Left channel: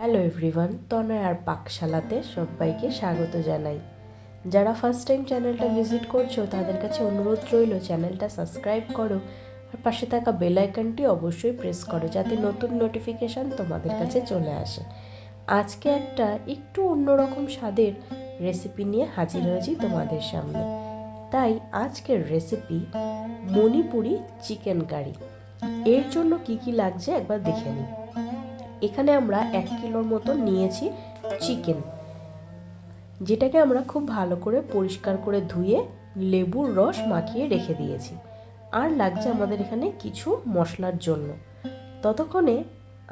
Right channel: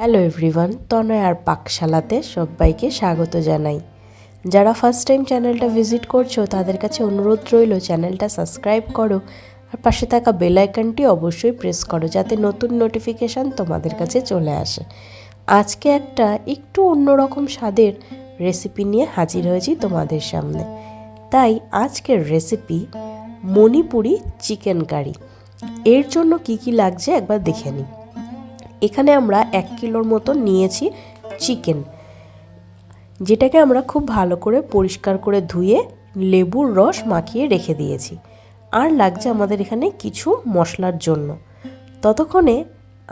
Hello everyone, তনয় আর পাকশালাতে সবাইকে স্বাগত জানাই। যারা ফার্স্ট টাইম চ্যানেলটা ভিজিট করছো তাদের কাছে অনুরোধ রইল চ্যানেলটা সাবস্ক্রাইব করো আর পাশে থাকা বেল আইকনটি অবশ্যই প্রেস করো যাতে নতুন নোটিফিকেশান তোমাদের কাছে চলে আসে। আজকে একটা একটু অন্যরকম স্বাদের রেসিপি নিয়ে হাজির হয়েছি তোমাদের সামনে। তাই আজকের রেসিপি মণিপুরি চিকেন কারি। এর জন্য কি কি লাগছে একবার দেখে নিই। এখানে আমরা 1 কিলোর মতো নিয়েছি চিকেন, যেটাকে আমরা খুব ভালো করে পরিষ্কার করে ধুয়ে লেবুর রস মাখিয়ে রেখে দিয়েছি। আর লাগছে আমাদের এখানে কিছু মশলার জন্য। ততক্ষণে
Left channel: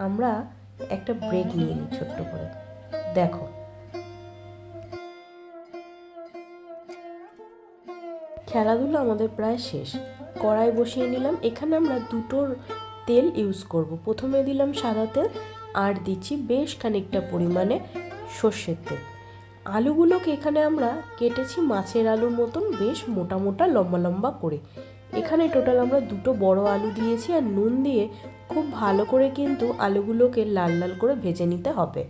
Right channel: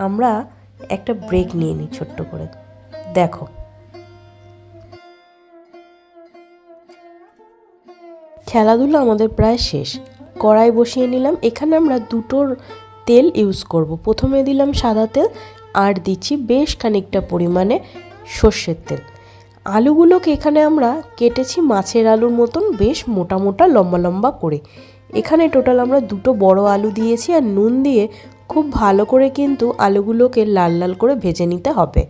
আমরা একটা ব্রেক নিয়ে নিই ছোট্ট করে। দেখো, খেলাধুলা আমাদের প্রায় শেষ। কড়াই বসিয়ে নিলাম। এখানে আমরা দুটোর তেল ইউজ করব। প্রথমে দিলাম সাদা তেল আর দিচ্ছি বেশ খানিকটা পরিমাণে সর্ষের তেল। আলুগুলোকে এখানে আমরা কেটেছি মাছের আলুর মতন বেশ মোটা মোটা লম্বা লম্বা করে। এখানে টোটাল আমরা দুটো বড় আলু দিয়েছি আর নুন দিয়ে খুব ভালো করে কিন্তু আলুগুলোকে লাল লাল করে ভেজে নিতে হবে।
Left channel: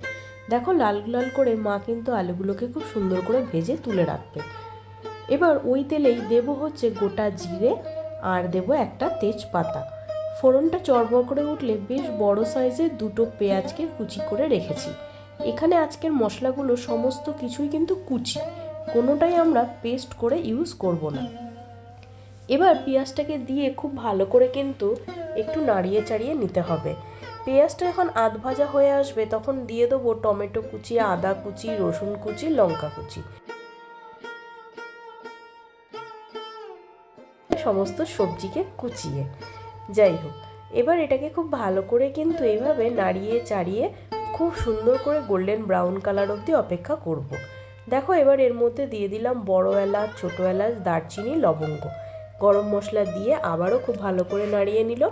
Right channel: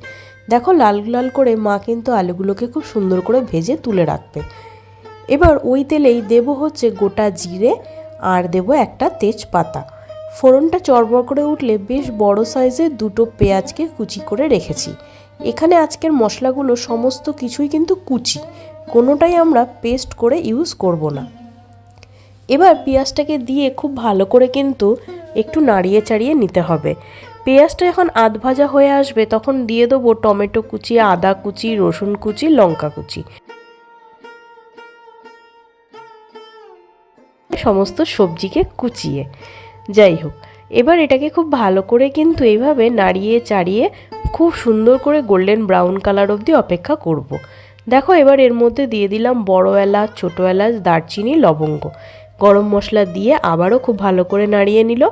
দেখো, লাল লাল করে মা কিন্তু আলুগুলোকে খুব সুন্দর করে ভেজে তুলে রাখবে। এবার ওই তেলেই দেবো হচ্ছে গোটা জিরে আর দেবো একটা তেজপাতা। ফোড়নটা চড়বড় করে উঠলে বেশ বড় সাইজের দুটো পেঁয়াজকে কুচি করে রেখেছি। এখানে আজকের মশলাগুলো সমস্ত কিছুই কিন্তু কুচি, কোনোটাই আমরা পেস্ট করে ইউজ করব না। এবার পেঁয়াজটাকে দিয়ে খুব ভালো করে কিন্তু একটু নাড়িয়ে চাড়িয়ে নিতে হবে। পেঁয়াজটা যখন আধ ভাজা হয়ে আসবে তখন দিয়ে দেবো টমেটো কুচি, আদা কুচি, রসুন কুচি, লঙ্কা কুচি, সমস্ত সবজিকে কুচিয়ে। যাই হোক, এবার এটাকে খুব ভালো করে কিন্তু এইভাবে নাড়িয়ে চাড়িয়ে খুব সুন্দর করে গোল্ডেন ব্রাউন কালার অবধি অপেক্ষা করব। দেখো, এবার এর মধ্যে দিয়ে দিলাম বড় এলাচ, ছোটো এলাচ, দারচিনি, লবঙ্গ, গরম মশলা দিয়ে আবারও খুব ভালো করে নাড়িয়ে নিল।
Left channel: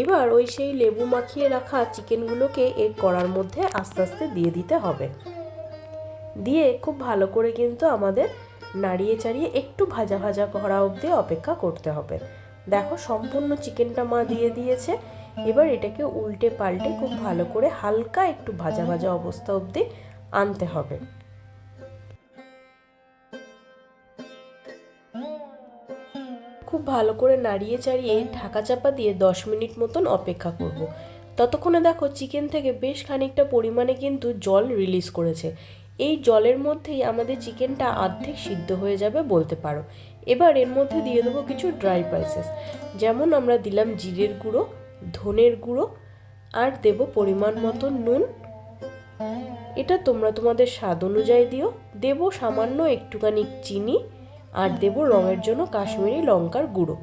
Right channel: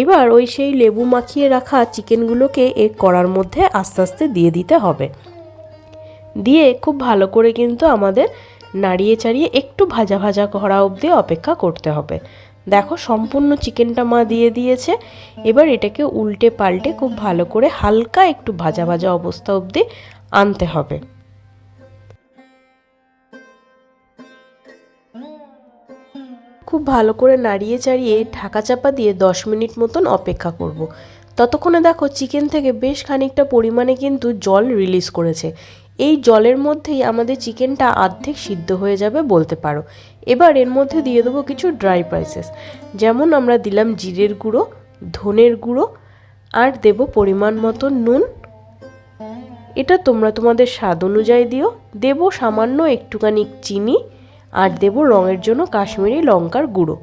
এবার ওই সেই লেবু মাখিয়ে রাখা চিকেনগুলোকে এই কড়ার মধ্যে আস্তে আস্তে দিয়ে দিতে হবে। দিয়ে খুব ভালো করে কিন্তু আমাদের নাড়িয়ে চাড়িয়ে একটু ভাজা ভাজা করা অবধি অপেক্ষা করতে হবে। দেখো, সম্পূর্ণ চিকেনটা মা দিয়ে দিয়েছে। এবার এটাকে উল্টে পাল্টে খুব ভালো করে হালকা একটু ভাজা ভাজা অবস্থা অবধি আনতে হবে। খুব ভালো করে নাড়িয়ে চাড়িয়ে ঢাকা চাপা দিয়ে 10 মিনিট মতন অপেক্ষা করব। ততক্ষণে দেখো, চিকেন থেকে বেশ খানিকটা পরিমাণে কিন্তু জল রিলিজ করেছে। এই জলের মধ্যেই আমাদের চিকেনটা অর্ধেক সিদ্ধ হয়ে যাবে বলতে পারো। এবার এর মধ্যে দিয়ে দেবো কিছু ড্রাই স্পাইসেস, যেমন আমরা দিলাম জিরের গুঁড়ো, ধনের গুঁড়ো, আর দেব পরিমাণ মতো নুন। এটা তোমরা তোমাদের স্বাদ অনুযায়ী দিও। দেব সামান্য একটুখানি চিনি আর দেব রঙের জন্য কাশ্মীরি লঙ্কার গুঁড়ো।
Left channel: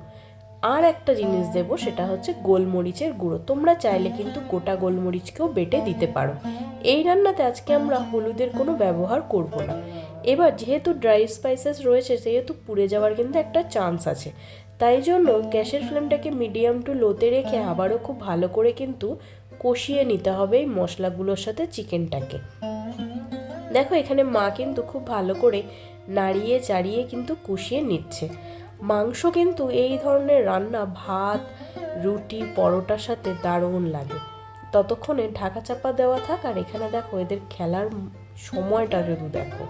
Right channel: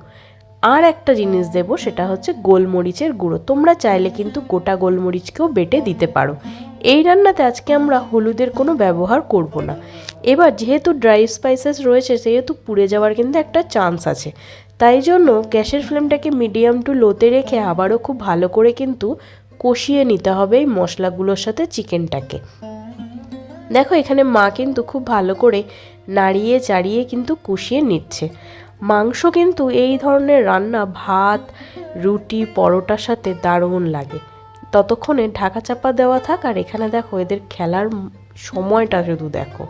আর একটা জিনিস দেব, সেটা হচ্ছে গোলমরিচের গুঁড়ো। তোমরা চাইলে কিন্তু গোটা গোলমরিচকেও বেটে দিতে পারো। এই রান্নাতে আজকে আমরা হলুদের কোনো ব্যবহার করব না। এবার যেহেতু ড্রাই স্পাইসেস রয়েছে সেহেতু পুড়ে যাওয়ার কিন্তু একটা চান্স আছে, তাই জন্য গ্যাসের ফ্লেমটাকে মিডিয়াম টু লোতে রেখে আবারও খুব ভালো করে কিন্তু কষিয়ে নিতে হবে এই মশলাগুলোর সাথে চিকেনটাকে। দেখো, এখানে মা কিন্তু খুব ভালো করে নাড়িয়ে চাড়িয়ে কিন্তু কষিয়ে নিচ্ছে। মাংস কিন্তু এই ধরনের রান্না ভাত, রুটি, পরোটার সাথে দারুণ লাগে। ততক্ষণে ঢাকা চাপা দেওয়া থাক। আর এখানে দেখো, এদের খেলার সময়টা শুধু দেখো,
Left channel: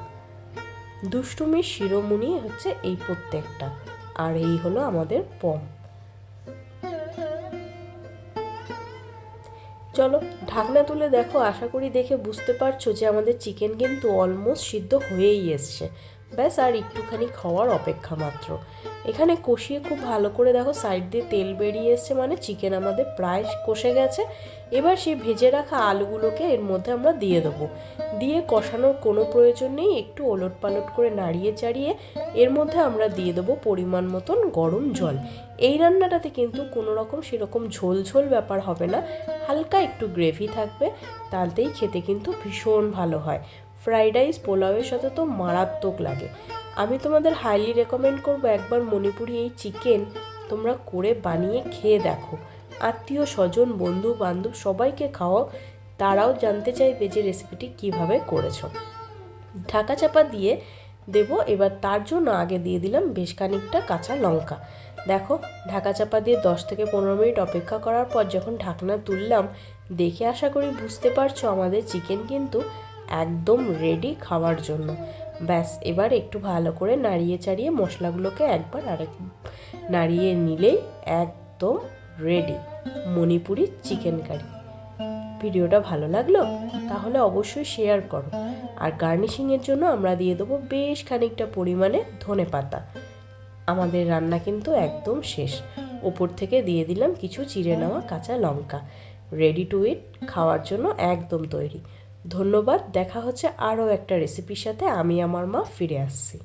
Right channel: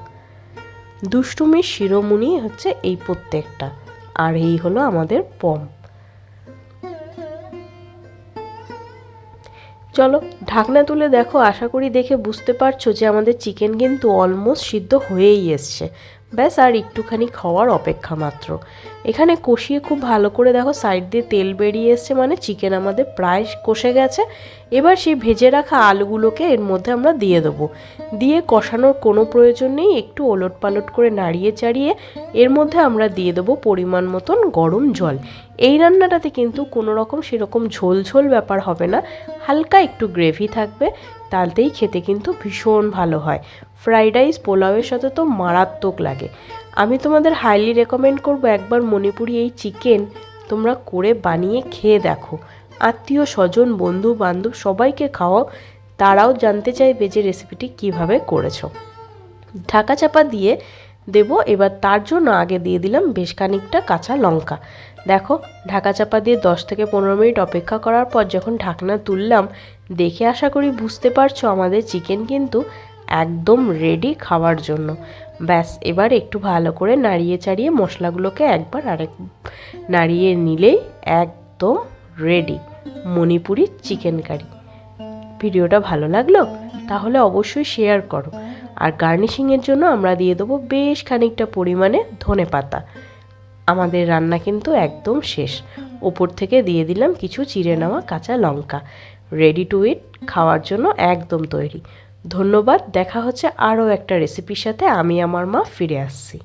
দুষ্টুমির শিরোমণি হচ্ছে এই প্রত্যেকটা। আর এই হলো আমাদের পম। চলো ঢাকনা তুলে দেখো। আশা করি দেখে বুঝতে পারছো যে আমাদের চিকেন কিন্তু অলমোস্ট সিদ্ধ হয়েই এসছে। ব্যাস আর একটুখানি খাওয়ার অপেক্ষা মাত্র। এখানে কষিয়ে খুব ভালো করে দেখো সাইড দিয়ে তেল বেরিয়ে এসছে, মানে চিকেন আমাদের প্রায় কষে গেছে। এবার সেই ভেজে রাখা আলুগুলোকে এর মধ্যে আমরা দিয়ে দেবো। দিয়ে কষানোর কোনো প্রয়োজন নেই, একটু ওলট পালট করে নাড়িয়ে চাড়িয়ে এর মধ্যে আমরা দিয়ে দেবো পরিমাণ মতন গরম জল। এই রান্নাটাতে কিন্তু কোনো রকম সেরকম ঝোল ঝোল ব্যাপার হবে না, হালকা একটু গ্রেভি থাকবে, তাতেই খেতে কিন্তু ভীষণ ভালো হয়। ফ্রাইড রাইস, পোলাওয়ের সাথে তো মারাত্মক লাগে। আমি তোমাদের হাইলি রেকমেন্ড করবো একবার মণিপুরি এই চিকেন তোমরা করে বানিয়ে খেয়ে দেখো। আত্মীয় স্বজন, বন্ধু বান্ধব সবাইকে খাওয়াও, তারাও জানতে চাইবে যে রেসিপিটি কিভাবে করেছো। ঢাকা চাপা দিয়ে দেব। এবার তার জন্য আগে দিয়ে দিলাম বেশ খানিকটা কাঁচা লঙ্কা। দেখো ঢাকা চাপা দিয়ে 10 থেকে 15 মিনিট অপেক্ষা করার পর যখন ঢাকনা তুললাম, দেখে আশা করি বুঝতে পারছো আমাদের চিকেন কিন্তু একদম রেডি খাওয়ার জন্য। ব্যাস এবার একটু ভালো করে নাড়িয়ে চাড়িয়ে মশলাগুলোকে একবার নাড়িয়ে নিলেই একদম রেডি মণিপুরি চিকেন কারি। ভিডিওটা ভালো লাগলো তাহলে অবশ্যই শেয়ার করো। আর গার্নিশিংয়ের জন্য আমরা দিয়ে দেবো বেশ খানিকটা পরিমাণে ধনেপাতা। আমাদের রান্না কিন্তু একদম শেষ। ওপর থেকে দিয়ে দিলাম কিছু চিড়ে নেওয়া কাঁচা লঙ্কা। রেডি টু ইট, খাওয়ার জন্য একদম তৈরি। ধন্যবাদ। দেখা হচ্ছে আরও একটা রেসিপির সাথে। আমি আমার মা ফিরে আসছি।